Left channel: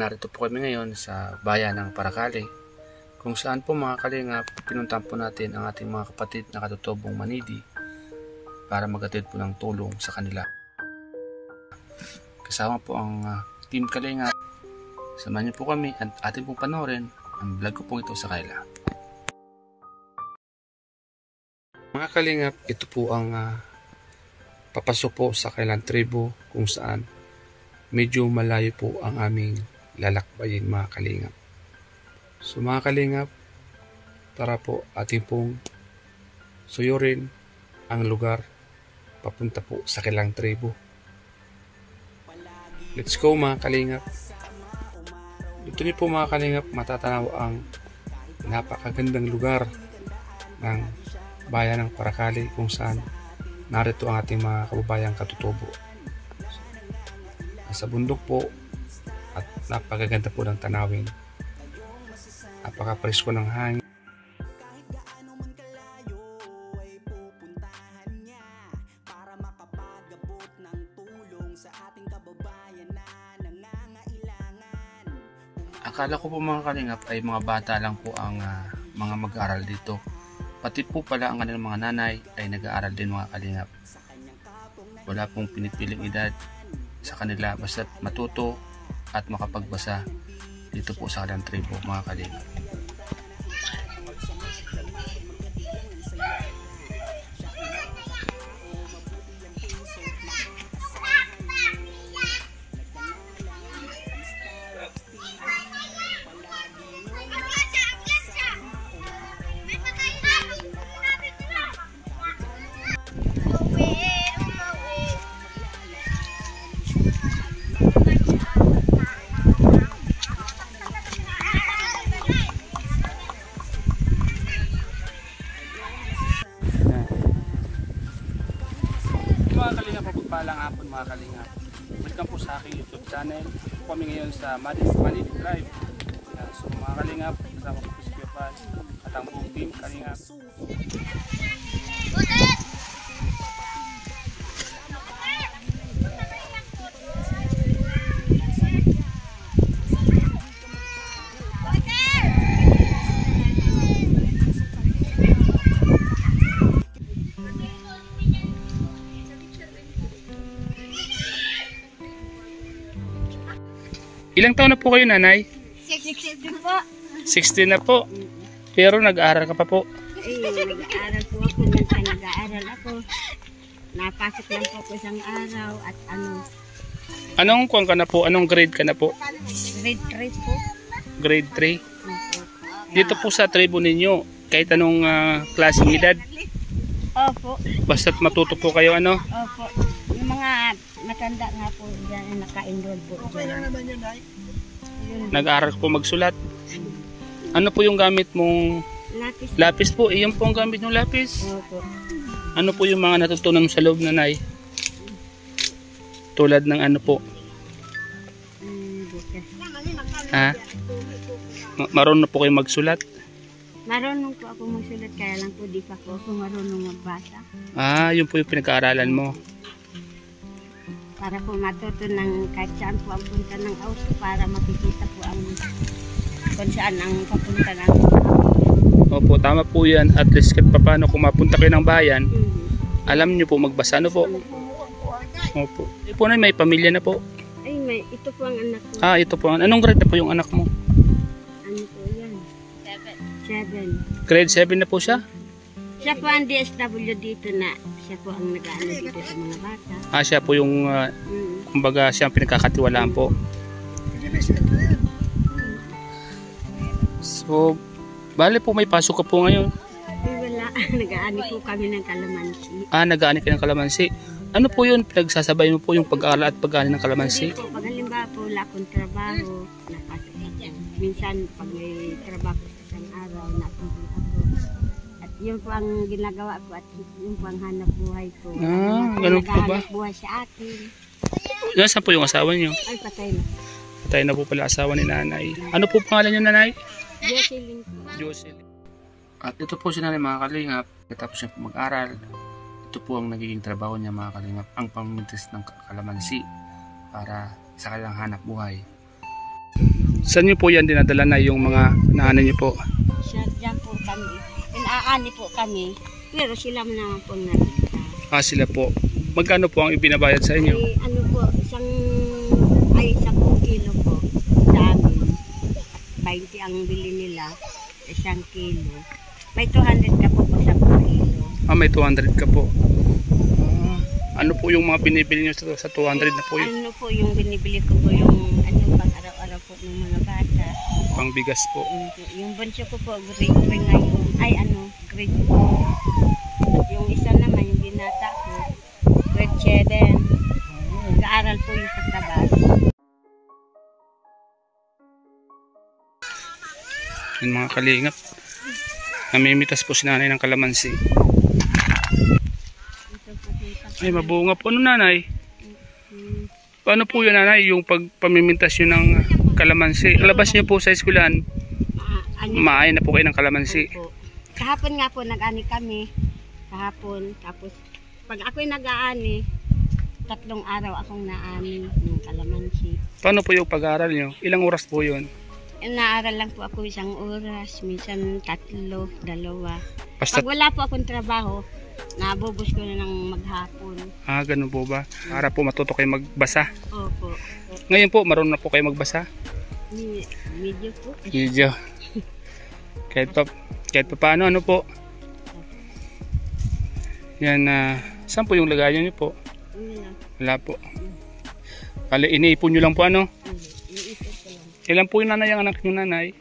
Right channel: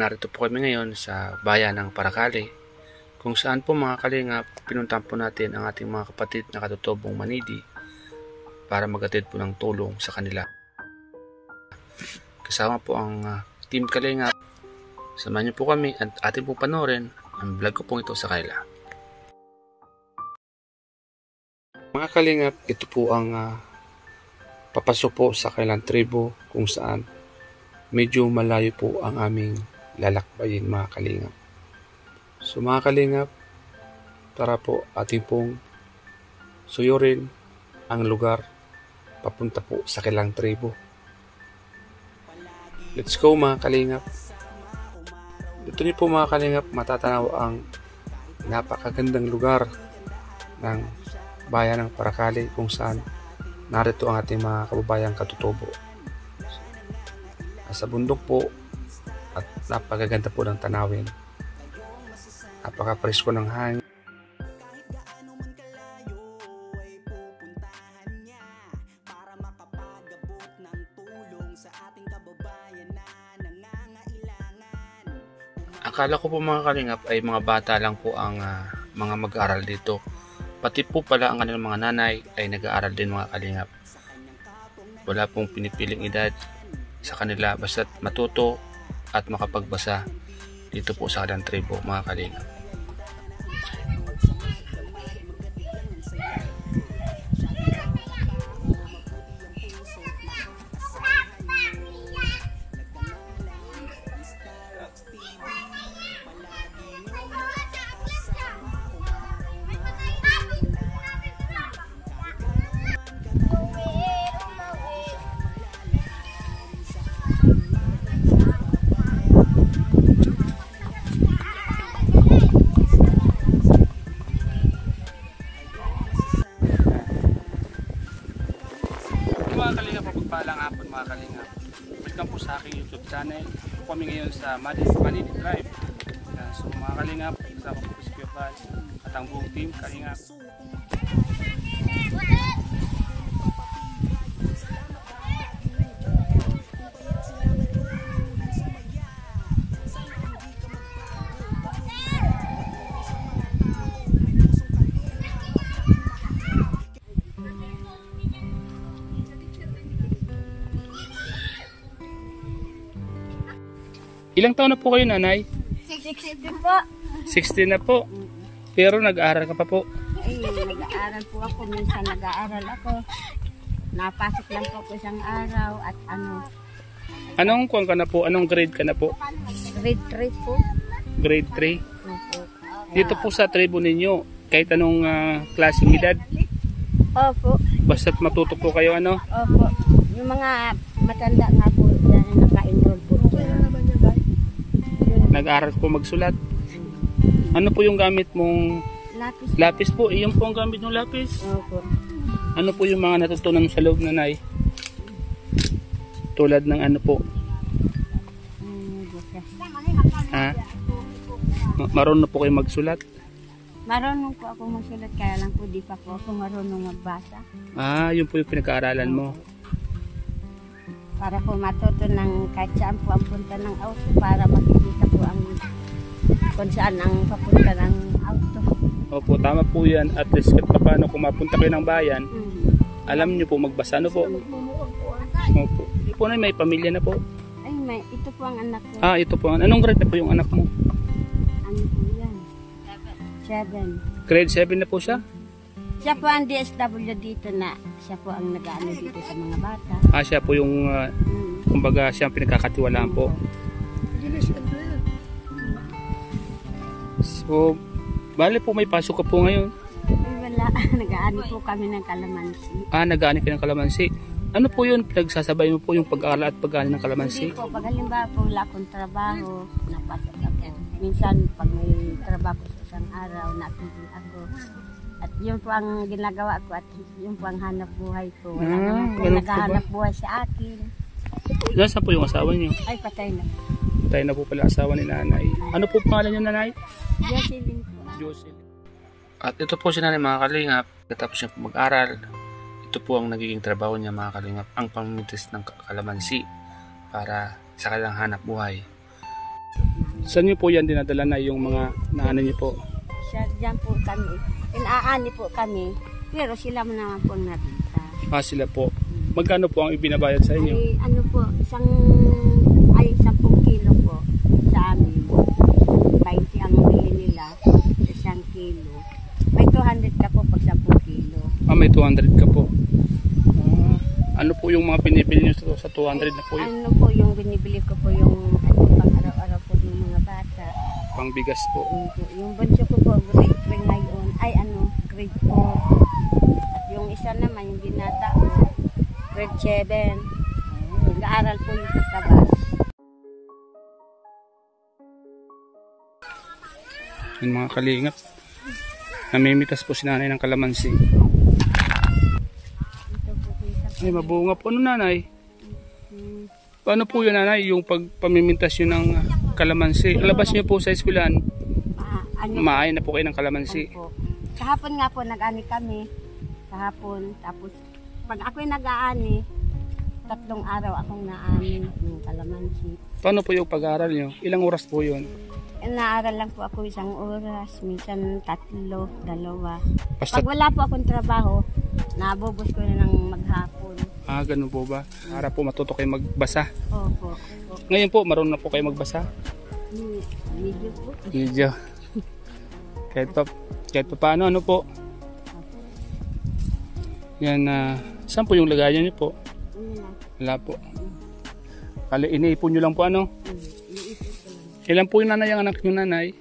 narito po kami ngayon sa bayan ng Paracale, kung saan po mga kalingap, pinuntahan po natin ang ating mga kapatid na katutubong Manidi para magatid po ng tulong sa kanila. Kasama po ang Team Kalingap. Samahan niyo po kami at ating pong panoorin ang vlog ko pong ito sa kanila. Mga kalingap, ito po ang papasok po sa kailang tribo kung saan medyo malayo po ang aming lalakbayin mga kalingap. So mga kalingap, tara po ating pong suyurin ang lugar papunta po sa kailang tribo. Let's go mga kalingap. Dito niyo po mga kalingap matatanaw ang napakagandang lugar ng bayan ng Paracale kung saan narito ang ating mga kababayang katutubo. Nasa bundok po at napakaganda po ng tanawin. Napaka-presko ng hangin. Akala ko po mga kalingap ay mga bata lang po ang mga mag-aaral dito. Pati po pala ang kanilang mga nanay ay nag-aaral din mga kalingap. Wala pong pinipiling edad sa kanila basta't matuto at makapagbasa dito po sa kanilang tribo mga kalingap. Mga kalingap, pagpalang hapon mga kalingap. Welcome po sa aking YouTube channel. Kami ngayon sa Manidi Tribe. So mga kalingap, kasama po si Kuya Bal at ang buong team kalingap. Ilang taon na po kayo, nanay? 60 po. 60 na po. Pero nag-aaral ka pa po? Ay, nag-aaral po ako. Minsan nag-aaral ako. Napasok lang po ako isang araw at ano. Anong kuwan ka na po? Anong grade ka na po? Grade 3 po. Grade 3? Opo. Dito po sa tribo ninyo, kahit anong klaseng edad? Opo. Basta't matuto po kayo ano? Opo. Yung mga matanda nga po yan ang naka-enroll po. Okay lang naman yun, guys. Nag-aaral po magsulat. Ano po yung gamit mong Lapis. lapis po? Iyon po ang gamit ng lapis. Opo. Ano po yung mga natutunan sa loob, nanay? Tulad ng ano po? Bukas. Ha? Marunong po kayo magsulat? Marunong po ako magsulat kaya lang po di pa po ako marunong magbasa. Ah, yun po yung pinag-aaralan mo. Para po matuto ng kahit saan po ang punta ng auto para makikita po ang kung saan ang papunta ng auto. Opo, tama po yan. At least kahit paano kung mapunta kayo ng bayan, alam nyo po magbasa. Ano po? Opo. Di po na may pamilya na po. Ay, ito po ang anak ko. Ah, ito po. Anong grade na po yung anak mo? Ano po yan? 7. Grade 7 na po siya? Siya po ang DSW dito na. Siya po ang nag-ano dito sa mga bata. Ah, siya po yung, kumbaga siya ang pinagkakatiwalaan po. So, bale po may pasok ka po ngayon. Ay, wala. Nag-aani po kami ng kalamansi. Ah, nag-aani kayo ng kalamansi. Ano po yun? Pinagsasabay mo po yung pag-aaral at pag-aani ng kalamansi? Hindi po. Pag halimbawa po wala akong trabaho, napasok ako. Minsan pag may trabaho sa isang araw, natulog ako. At yun po ang ginagawa ko at yun po ang hanap buhay ko. Ganun po ba? Naghahanap buhay sa akin. Nasaan po yung asawa niyo? Ay, patay na. Patay na po pala asawa ni nanay. Ano po pangalan niyo, nanay? Jocelyn po. Jocelyn. At ito po si nanay mga kalingap. Katapos niya po mag-aral, ito po ang nagiging trabaho niya mga kalingap. Ang pamimintis ng kalamansi para sa kanilang hanap buhay. Saan niyo po yan dinadala na yung mga naanan niyo po? Siya dyan po kami. Inaani po kami. Pero sila mo naman po nabita. Ah, sila po. Magkano po ang ibinabayad sa inyo? Ay, ano po, 10 kilo po sa amin. 20 ang bili nila, 1 kilo. May 200 ka po pag 10 kilo. Ah, may 200 ka po. Ano po yung mga binibili nyo sa 200 na po yun? Ano po yung binibili ko po yung ano, pang araw-araw po ng mga bata. Pang bigas po. Yung bunso ko po, grade 3 ngayon. Ay ano, grade 4. At yung isa naman, yung binata ko, grade 7. Nag-aaral po yung katabas. Yung mga kalingap, namimitas po si nanay ng kalamansi. Ay, mabunga po. Ano nanay? Paano po yun nanay? Yung pagpamimintas yun ng kalamansi. Alabas niyo po sa eskwelahan, maaay na po kayo ng kalamansi. Opo. Kahapon nga po nag-ani kami. Kahapon. Tapos pag ako'y nag-aani, 3 araw akong naani ng kalamansi. Paano po yung pag-aaral nyo? Ilang oras po yun? Naaral lang po ako 1 oras, minsan 3, 2. Basta... Pag wala po akong trabaho, nabubos ko na ng maghapon. Ah, ganun po ba? Para po matuto kayo magbasa. Opo. Ngayon po, marunong na po kayo magbasa? Medyo po. Medyo. Kahit pa paano, ano po? Yan, saan po yung lagayan nyo po? Wala po. Kali, iniipon nyo lang po ano? Iniipon ko lang. Ilan po yung nanay ang anak nyo nanay?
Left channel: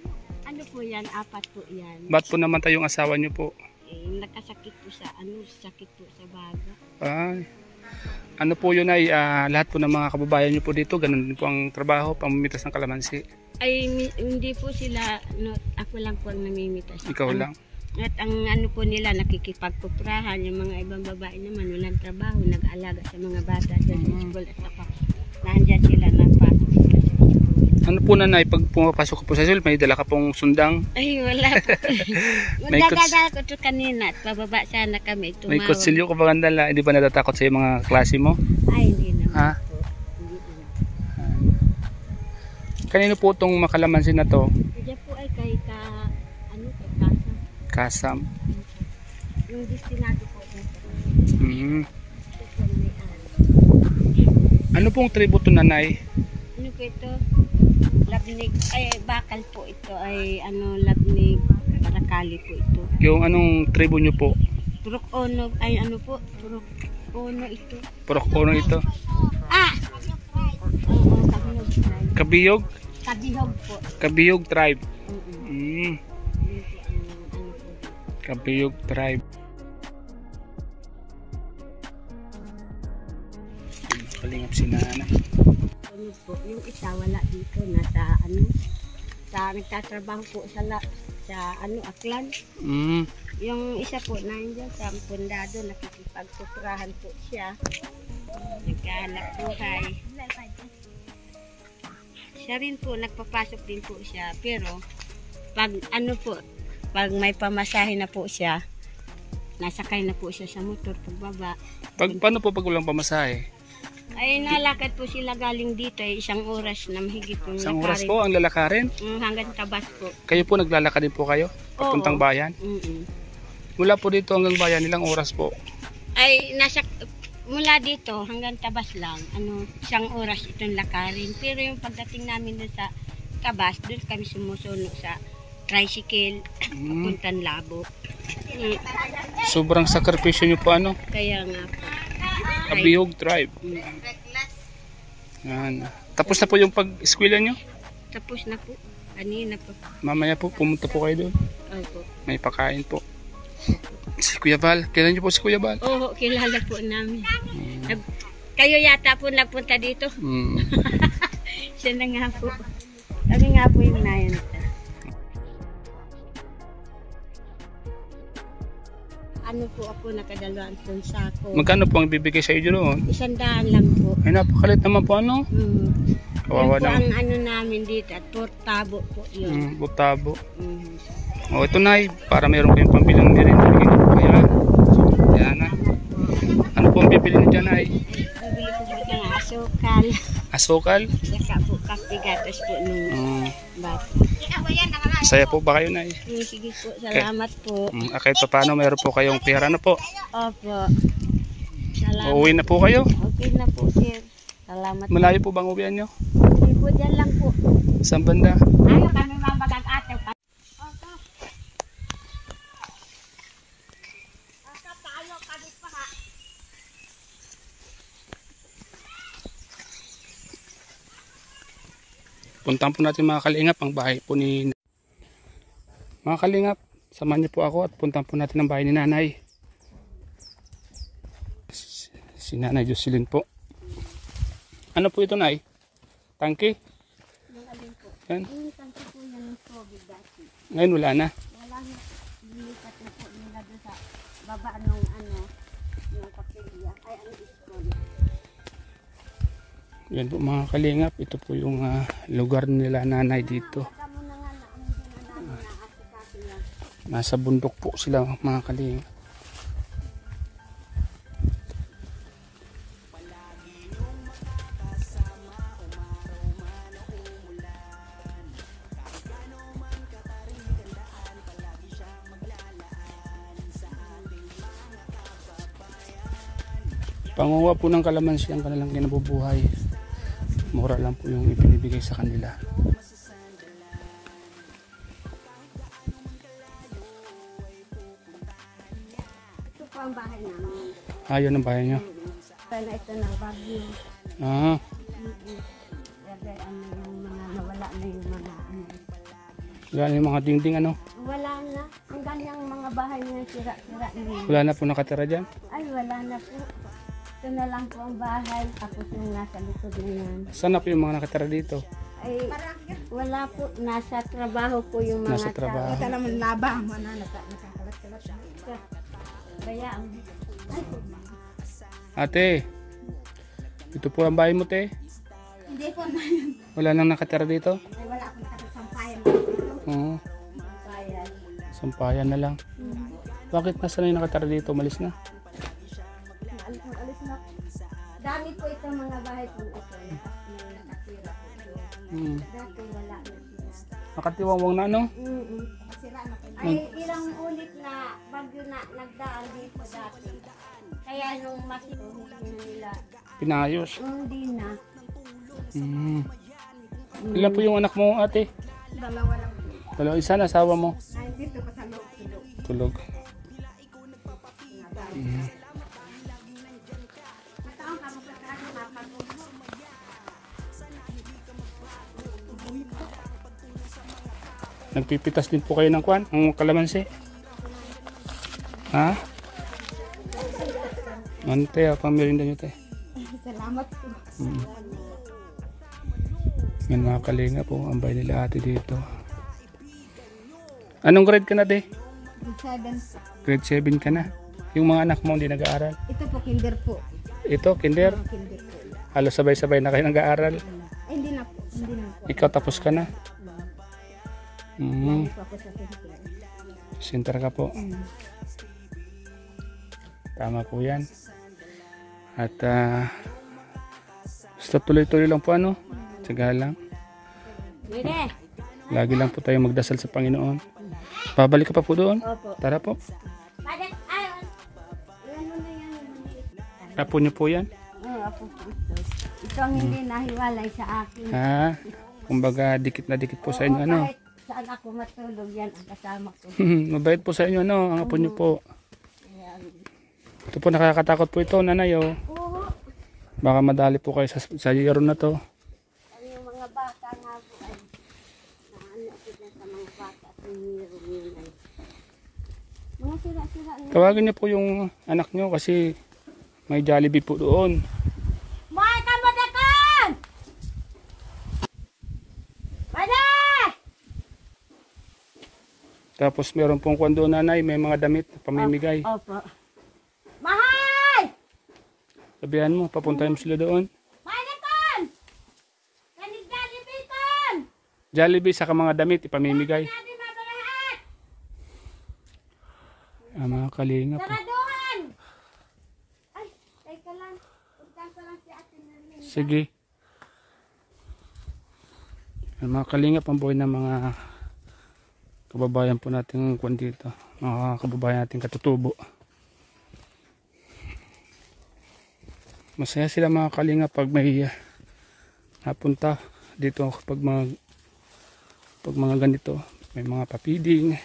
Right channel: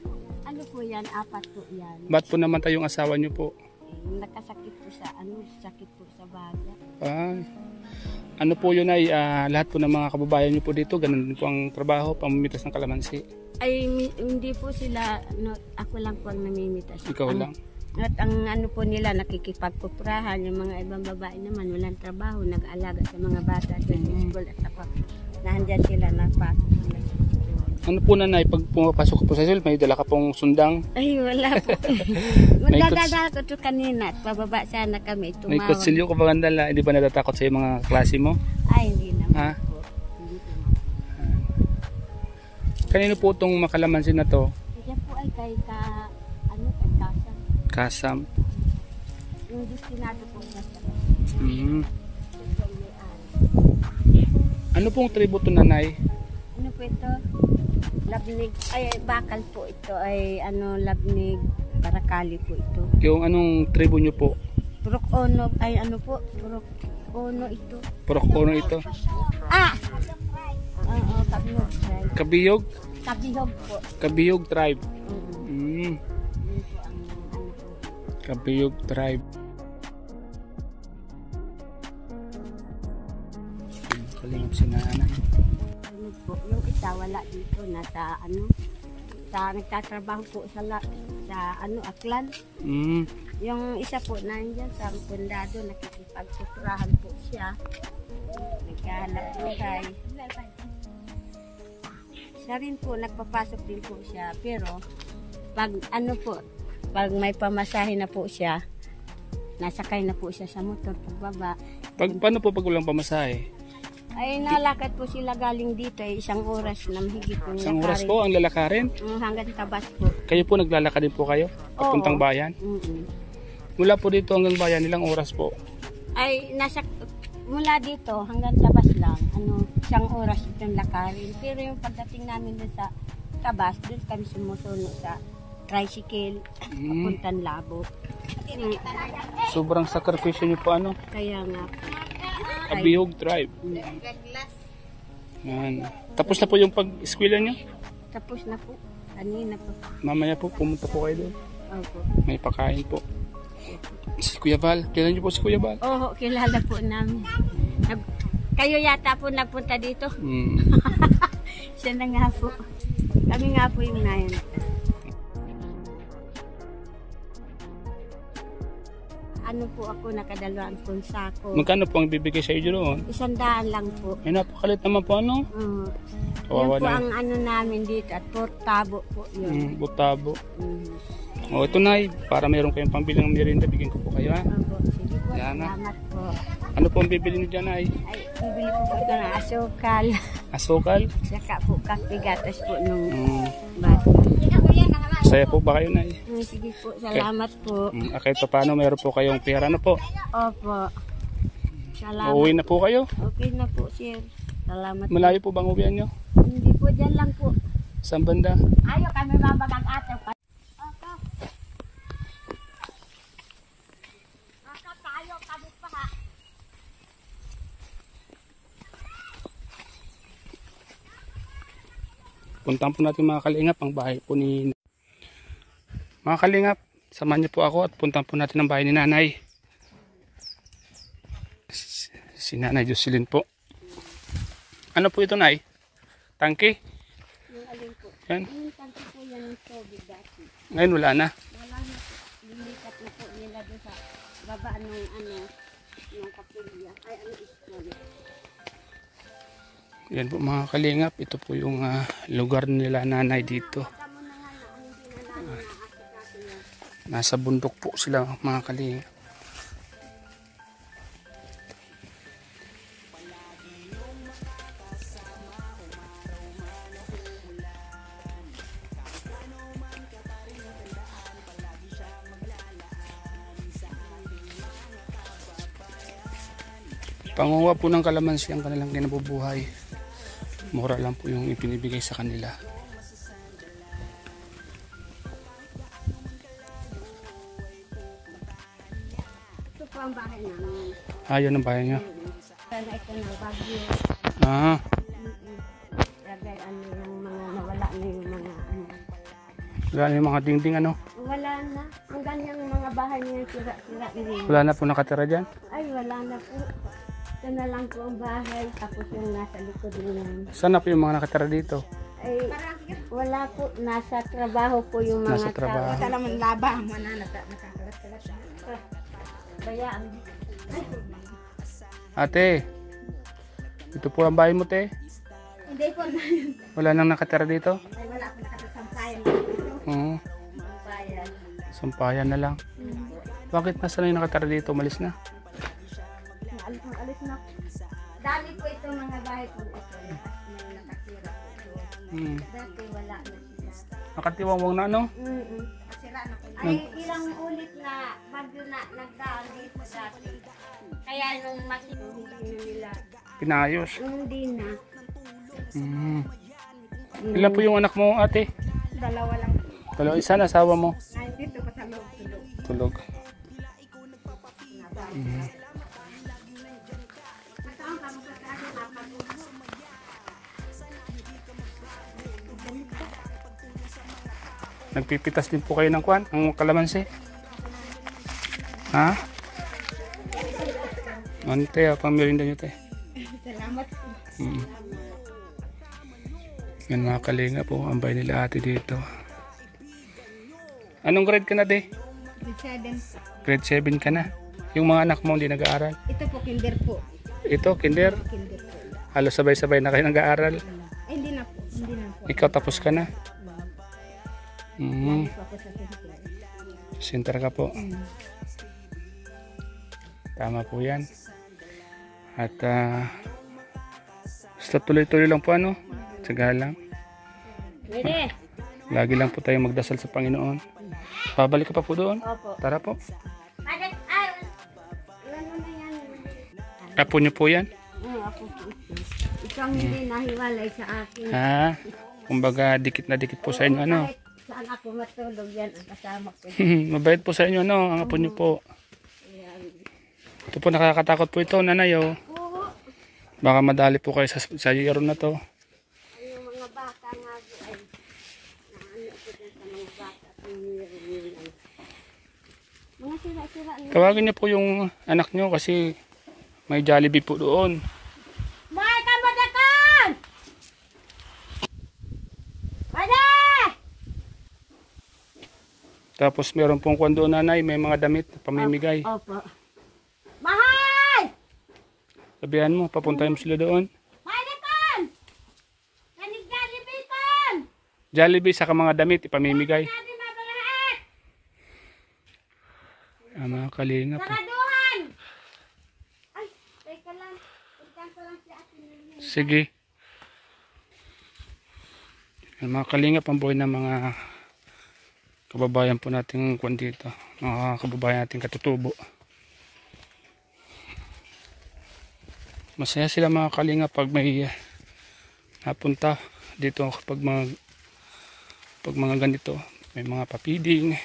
Ano po yan? 4 po yan. Ba't po namatay yung asawa nyo po? Nakasakit po sa sakit po sa baga. Ay. Ano po yun ay lahat po ng mga kababayan nyo po dito, ganun din po ang trabaho, pamimitas ng kalamansi. Ay hindi po sila, ako lang po ang namimitas. Ikaw lang? At ang ano po nila, nakikipagkuprahan. Yung mga ibang babae naman, walang trabaho, nag-aalaga sa mga bata sa school. At saka, nandyan sila, napasok sila sa school. Ano po nanay, pag pumapasok ka po sa school, may dala ka pong sundang? Ay, wala po. Magdadala ko ito kanina at pababa sana kami. Tumawag. May kutsilyo ka ba kandala? Hindi ba natatakot sa mga klase mo? Ay, hindi naman ha? po. Hindi naman. Kanino po itong makalamansin na to? Diyan po ay kay Kasam. Kasam. Yung destinado po na sa Ano pong tributo nanay? Ano po ito? Labnig, ay bakal po ito ay labnig, barakali po ito. Yung anong tribo nyo po? Purok Ono, ay ano po? Purok Ono ito. Purok Ono ito? Ah! Oo, Kabihog tribe. Kabiyog? Kabihog po. Kabiyog tribe. Yun po ang po. Kabiyog tribe. Kalingap si nanay. Po, yung isa wala dito, nasa nagtatrabaho po sa Aklan. Yung isa po nandiyan sa pundado, nakikipagkutrahan po siya. Nagkahanap buhay. Siya rin po, nagpapasok din po siya. Pero, pag may pamasahe na po siya, nasakay na po siya sa motor pagbaba. Paano po pag walang pamasahe? Ay, nalakad po sila galing dito ay 1 oras na mahigit yung 1 oras po ang lalakarin? Hanggang Tabas po. Kayo po naglalakad din po kayo? Papuntang bayan? Mula po dito hanggang bayan, ilang oras po? Ay, mula dito hanggang Tabas lang, 1 oras itong lakarin. Pero yung pagdating namin doon sa Tabas, doon kami sumusuno sa tricycle, papuntang Labo. Sobrang sakripisyo nyo po ano? Kaya nga po. Kabihog tribe. Yan. Tapos na po yung pag-eskwela nyo? Tapos na po. Kanina po. Mamaya po, pumunta po kayo doon. Opo. May pakain po. Si Kuya Val. Kilala nyo po si Kuya Val? Oo, kilala po namin. Kayo yata po nagpunta dito? Siya na nga po. Kami nga po yung nayan. Ano po ako, nakadalawang sako. Magkano po ang bibigay sa iyo doon? 100 lang po. Ay, napakalit naman po ano? Kawawa Yun po na. ang namin dito at portabo po yun. Butabo. O ito na para meron kayong pambilang din rin. Kaya, yan na. Salamat po. Ano po ang bibili niyo dyan ay? Ay, bibili ko po ito na. asukal. Asukal? Saka po kapigatas po nung Mm. baso. Saya po ba kayo, Nay? Sige po, salamat po. Kahit pa paano, meron po kayong pera na po. Opo. Salamat. Uuwi na po kayo? Okay na po, sir. Salamat. Malayo po bang uwian nyo? Hindi po, dyan lang po. Saan banda? Ayaw kami mabagag-ataw. Opo. Tayo kami pa ha. Puntahan po natin mga kalingap ang bahay po ni... Mga kalingap, samahan niyo po ako at puntahan po natin ang bahay ni Nanay. Si Nanay Jocelyn po. Ano po ito, Nay? Tangke? Yung alin po. Yan. Yung tangke po yan yung tubig dati. Ngayon wala na. Wala na po. Lilipat na po nila doon sa baba nung yung kapilya. Ay, school. Yan po mga kalingap. Ito po yung lugar nila Nanay dito. Nasa bundok po sila mga kalingap. Panguha po ng kalamansi ang kanilang kinabubuhay. Mura lang po yung ipinibigay sa kanila. Ito po ang bahay namin. Ayun ang bahay niya. Sana ito ng bagyo. Ah, Kaya yung mga nawala na yung mga wala na yung mga dingding ano. Wala na. Hanggang yung mga bahay niyo sira-sira rin. Wala na po nakatira dyan. Ay, wala na po. Ito na lang po ang bahay. Tapos yung nasa likod na yan. Saan na po yung mga nakatira dito? Ay, wala po. Nasa trabaho po yung mga Nasa trabaho. Ito naman labang. Nakakalat-kalat. Kaya, ay, Ate, ito po ang bahay mo, te. hindi po na yun. Wala nang nakatira dito? Ay, wala po nakatasampayan. Oo. Sampayan. Sampayan na lang. Bakit nasa na yung nakatira dito? Malis na. Alis na. Dami po itong mga bahay po ito. Na nakatira po ito. Dati wala na sila. Nakatiwangwang na ano? Sira na po. Ay, ilang ulit na bagyo na nagdaan dito dati. Kaya nung hindi nila, Pinayos. hindi na. Ilan po yung anak mo, ate? Dalawa lang. Dalawa, isa na asawa mo. Ay, dito pa sa loob. Tulog. Nagpipitas din po kayo ng kwan, ang kalamansi. Ha? Ante, pamirinda nyo te. Salamat po. Yan mga kalinga po, ang bahay nila ate dito. Anong grade ka na de? Grade 7. Grade 7 ka na. Yung mga anak mo hindi nag-aaral. Ito po, kinder po. Ito, kinder. Kinder po. Halos sabay-sabay na kayo nag-aaral. Ay, hindi na po. Hindi na po. Ikaw tapos ka na. Hindi po ako sa center. Center ka po. Tama po yan. At basta tuloy-tuloy lang po ano. Tsaga lang. Mire! Lagi lang po tayo magdasal sa Panginoon. Babalik ka pa po doon? Opo. Tara po. Bakit? Ayan mo na yan. Apo niyo po yan? Oo, apo po ito. Ito ang hindi nahiwalay sa akin. Ha? Kumbaga dikit na dikit po sa inyo ano. Kahit saan ako matulog yan ang kasama ko. Mabait po sa inyo ano. Ang apo niyo po. Ayan. Ito po nakakatakot po ito nanay oh. Oo. Baka madali po kayo sa year na to. Ang yung mga bata nga po ay naano ko dyan sa mga bata. Mga sira-sira na. Tawagin niyo po yung anak niyo kasi may Jollibee po doon. Bakit ka mo dakan? Bada! Tapos meron pong kwan doon nanay, may mga damit na pamimigay. Opo. Mahal! Sabihan mo, papuntahin mo sila doon. Mahal! Kanigdadibitan! Jollibee saka mga damit ipamimigay. Natin mabalahat! Mga kalinga po. Saraduhan! Ay, teka lang. Puntan ko lang si Ate Nerlin. Sige. Yan, mga kalingap, ang buhay ng mga kababayan po natin kung dito. Mga kababayan natin katutubo. Masaya sila mga kalingap pag may napunta dito kapag mga ganito. May mga papiding.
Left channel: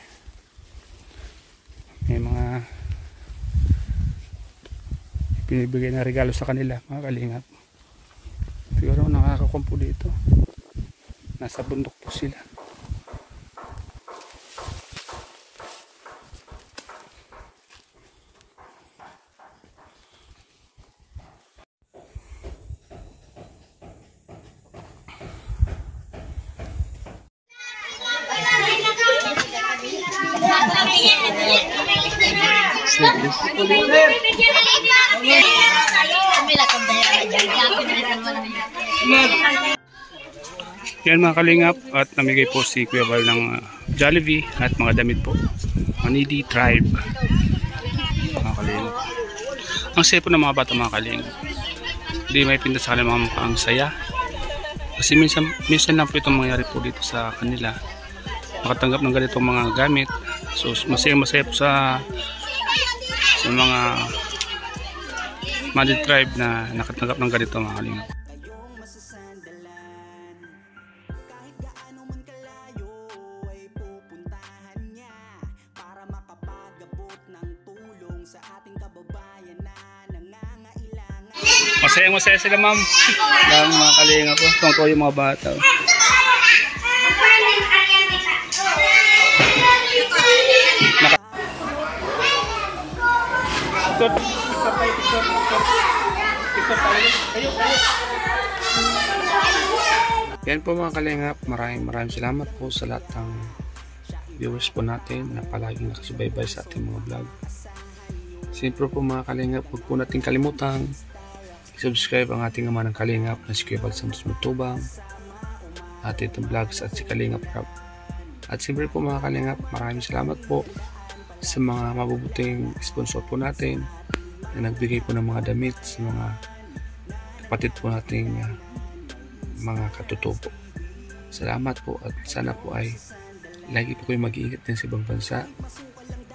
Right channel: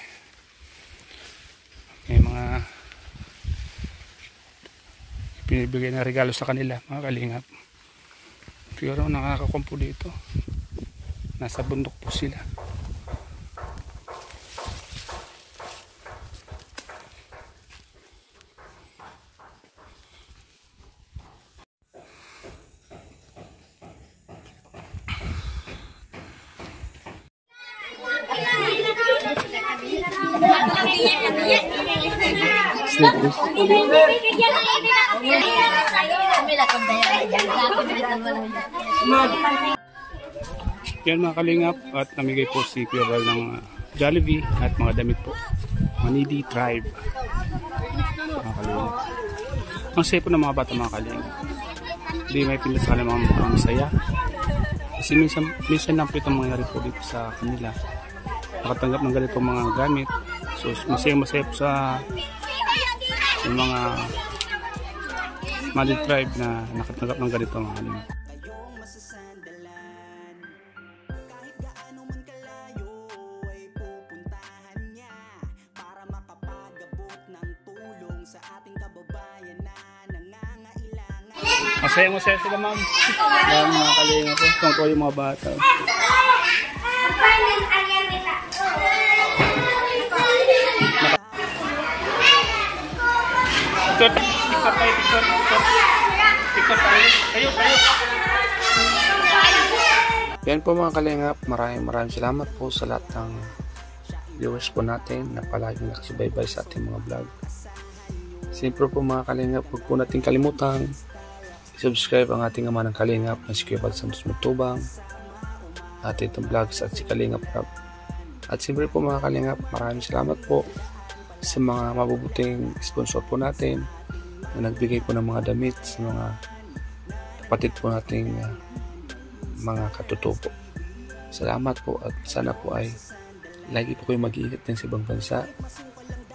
May mga pinibigay na regalo sa kanila mga kalingap. Pero nakakakumpo dito. Nasa bundok po sila. Sleepless. Yan mga kalingap, at namigay po si Kuya Val ng Jollibee at mga damit po. Manidi Tribe. Mga kalingap. Ang saya po ng mga bata mga kalingap. Hindi may pinta sa kanila mga ang saya. Kasi minsan lang po itong mangyari po dito sa kanila. Makatanggap ng ganitong mga gamit. So masaya po sa mga Manidi Tribe na nakatanggap ng ganito mga kalingap. Masaya sila ma'am. Lang mga kalingap po. Kung ko yung mga bata. Yan po mga kalingap. Maraming salamat po sa lahat ng viewers po natin na palaging nakasubaybay sa ating mga vlog. Siyempre po mga kalingap, huwag po natin kalimutang subscribe ang ating ama ng kalingap na si Kuya Val Santos Matubang, ating itong vlogs at si Kalingap Rap. At siyempre po mga kalingap, maraming salamat po sa mga mabubuting sponsor po natin na nagbigay po ng mga damit sa mga kapatid po nating mga katutubo. Salamat po at sana po ay lagi po kayo mag-iingat din sa ibang bansa.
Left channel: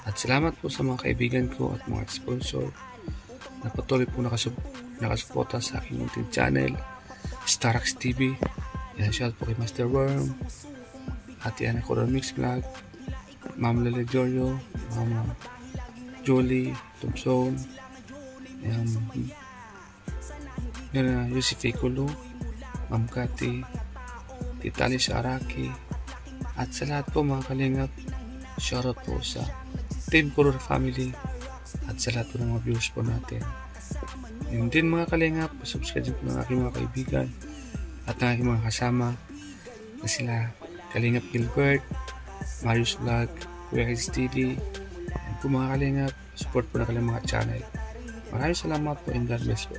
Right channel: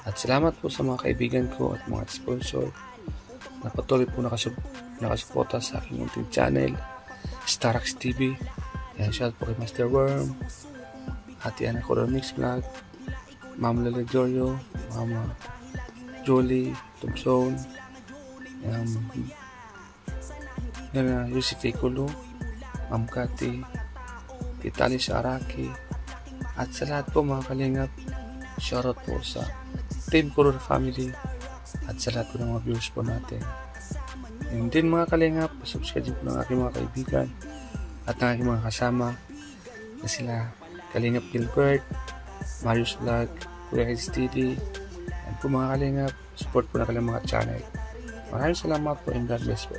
At salamat po sa mga kaibigan ko at mga sponsor na patuloy po nakasuporta sa aking munting channel, Starax TV. Yan, shout po kay Master Worm, Ate Ana Coral Mix Vlog, Ma'am Lele Giorgio, Mama Julie Thompson, Yusif Ikulo, Ma'am Cathy, Titali Araki, at sa lahat po mga kalingap, shoutout po sa Team Kurur Family at sa lahat po ng mga viewers po natin. And din mga kalingap, subscribe po ng aking mga kaibigan at ng aking mga kasama na sila Kalingap Gilbert, Marius Vlog, Kuya Kids TV, and po mga kalingap, support po na kanilang mga channel. Maraming salamat po and God bless po.